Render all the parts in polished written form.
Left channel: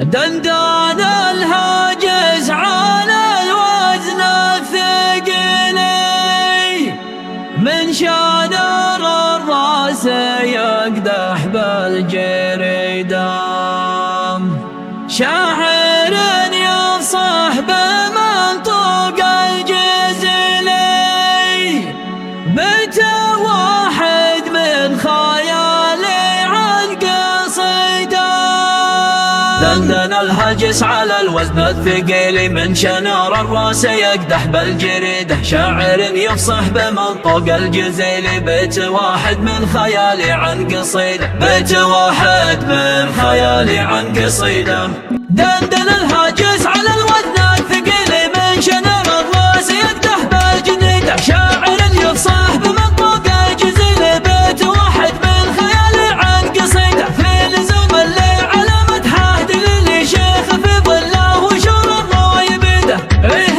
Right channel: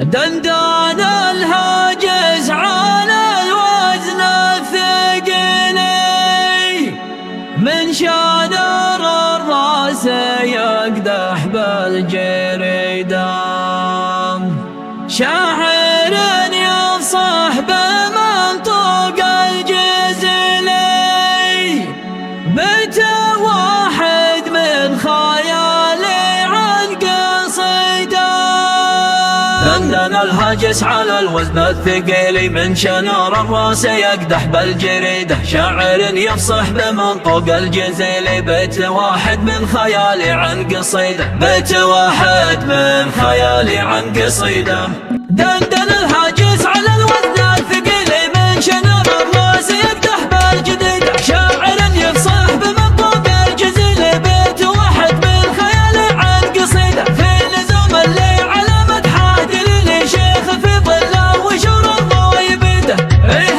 دندان الهاجس على الوزن الثقيل، من شان الراس يقدح بالجريدان، شاعر يفصح بمنطوق الجزلي، بيت واحد من خيالي عن قصيدان. دندن الهاجس على الوزن الثقيل، من شنار الراس يقدح بالجريدة، شاعر يفصح بمنطوق الجزيل، بيت واحد من خيالي عن قصيدة، بيت واحد من خيالي عن قصيدة. دندن الهاجس على الوزن الثقيل، من شنار الراس يقدح بالجريدة، شاعر يفصح بمنطوق الجزيل، بيت واحد من خيالي عن قصيدة. في لزوم اللي على مدحه دليل شيخ في ظله وشور الله يبيده،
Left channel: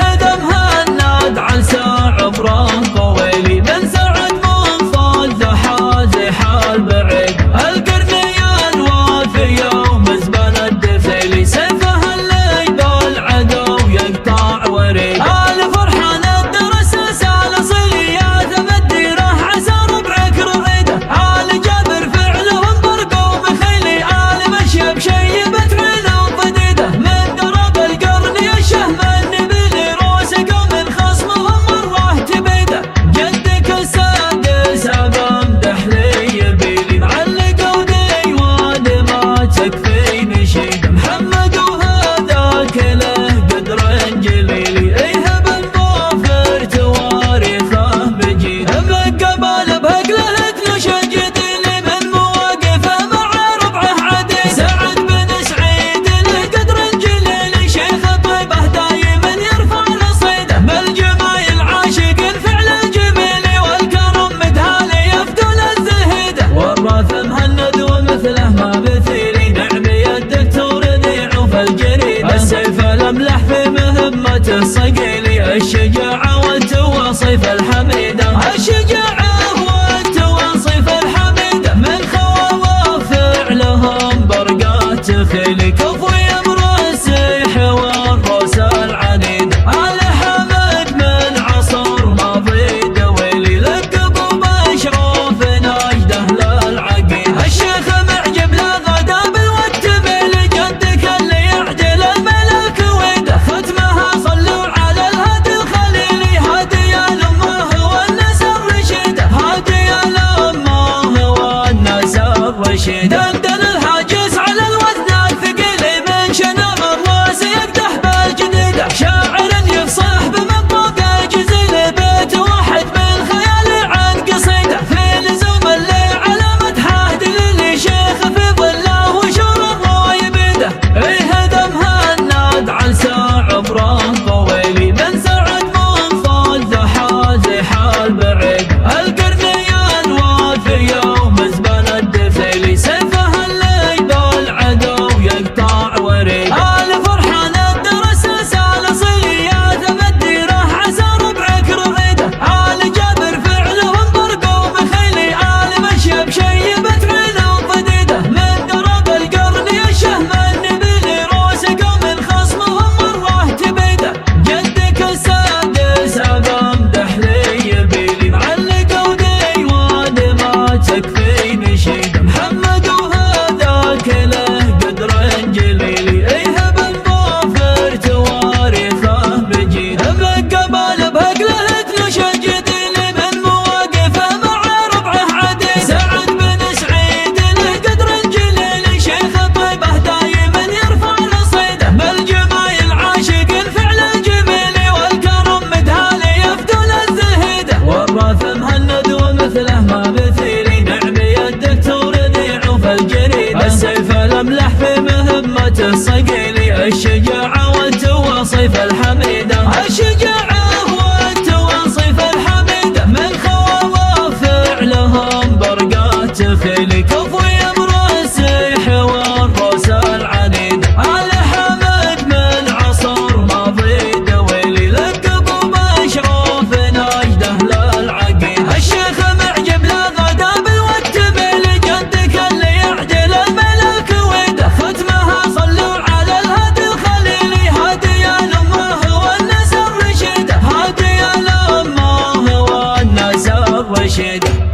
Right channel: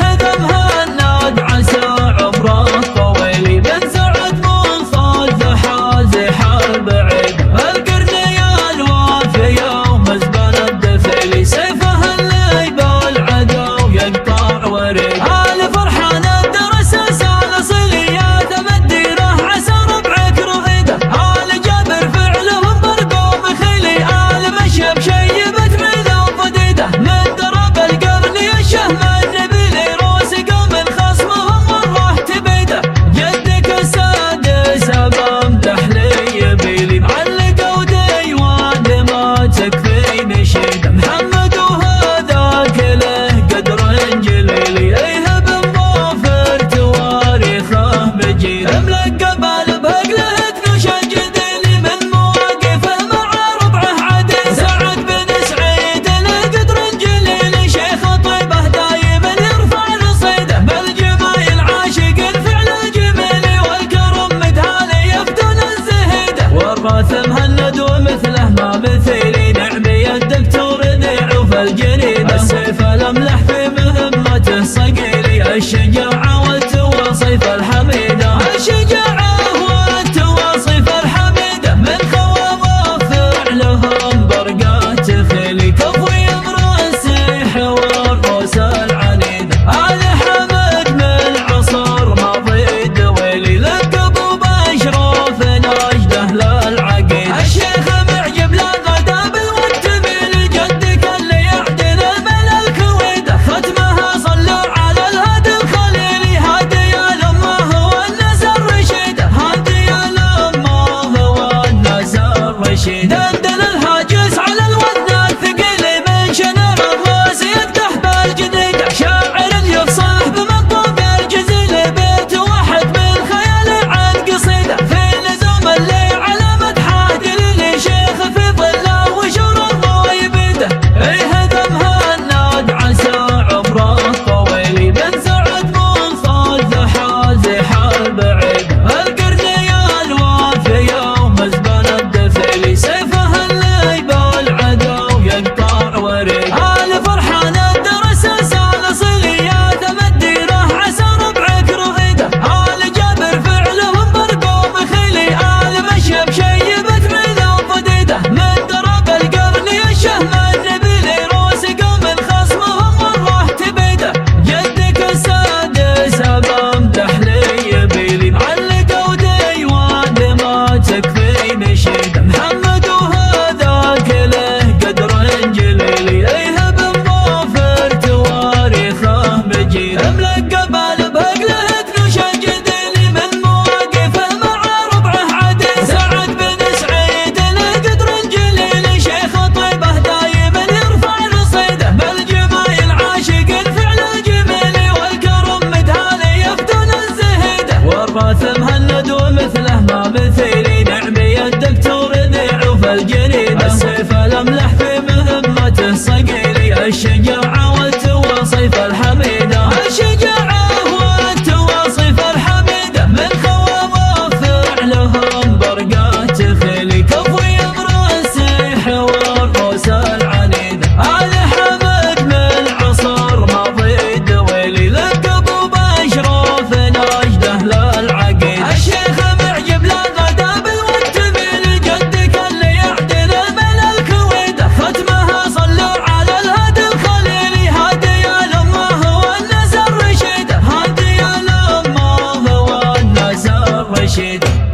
هدم هالناد عن ساعة فراق طويل، من سعد منصاد حازح البعيد، القرني الوافي يوم زبان الدفيل، سيفه اللي بالعدو يقطع وريد. آل فرحان الدرس لسان صليات مديره، عسى ربعك رغيده، آل جابر فعلهم برقوم خيلي، آل مشيب شيبت عينهم فديده، من درب القرن الشهم النبيلي، روس قوم خصمهم والله تبيده، جدك السادس ابا امدح لي يبيلي، معلق وديوان ما تكفي نشيده، محمد وهذاك له قدر جليلي، ايهب الظافر تواريخه بجيده، ملقب بهقله تنوش الجديلي، من مواقفه مع ربعه عدي، سعد بن سعيد له قدر جليلي، شيخ طيبه دايما يرفع الصيده، بالجمايل عاشق الفعل الجميلي، والكرم مدهالي يفدون الزهيده، والراث مهند ومثله ما مثيلي، نعمي الدكتور نعوف الجريده، السيف الاملح في مهمته صقيلي، الشجاعه والتواصيف الحميده، الشجاعه والتواصيف الحميده، من خواوف فعلهم برقات خيلي، كفوي امر السيح والروس العنيده، آل حمد من عصر ماضي دويلي، لقبوا باشراف نجده للعقيده، الشيخ معجب لا غدا بالوقت ميلي، جدك اللي يعدل الملك ويده، ختمها صلوا على الهادي الخليلي، هادي الامه هو الناس الرشيده، هادي الامه هو الناس الرشيده. دندن الهاجس على الوزن الثقيل، من شنار الراس يقدح بالجديده، شاعر يفصح بمنطوق الجزيل، بيت واحد من خيالي عن قصيده، في لزوم اللي على مدحه دليل شيخ في ظله وشور الله يبيده، هدم هالناد عن ساعة فراق طويل، من سعد منصاد حازح البعيد، القرني الوافي يوم زبان الدفيل، سيفه اللي بالعدو يقطع وريد. آل فرحان الدرس لسان صليات مديره، عسى ربعك رغيده، آل جابر فعلهم برقوم خيلي، آل مشيب شيبت عينهم فديده، من درب القرن الشهم النبيلي، روس قوم خصمهم والله تبيده، جدك السادس ابا امدح لي يبيلي، معلق وديوان ما تكفي نشيده، محمد وهذاك له قدر جليلي، ايهب الظافر تواريخه بجيده، ملقب بهقله تنوش الجديلي، من مواقفه مع ربعه عدي، سعد بن سعيد له قدر جليلي، شيخ طيبه دايما يرفع الصيده، بالجمايل عاشق الفعل الجميلي، والكرم مدهالي يفدون الزهيده، والراث مهند ومثله ما مثيلي، نعمي الدكتور نعوف الجريده، السيف الاملح في مهمته صقيلي، الشجاعه والتواصيف الحميده، الشجاعه والتواصيف الحميده، من خواوف فعلهم برقات خيلي، كفوي امر السيح والروس العنيده، آل حمد من عصر ماضي دويلي، لقبوا باشراف نجده للعقيده، الشيخ معجب لا غدا بالوقت ميلي، جدك اللي يعدل الملك ويده، ختمها صلوا على رشيد.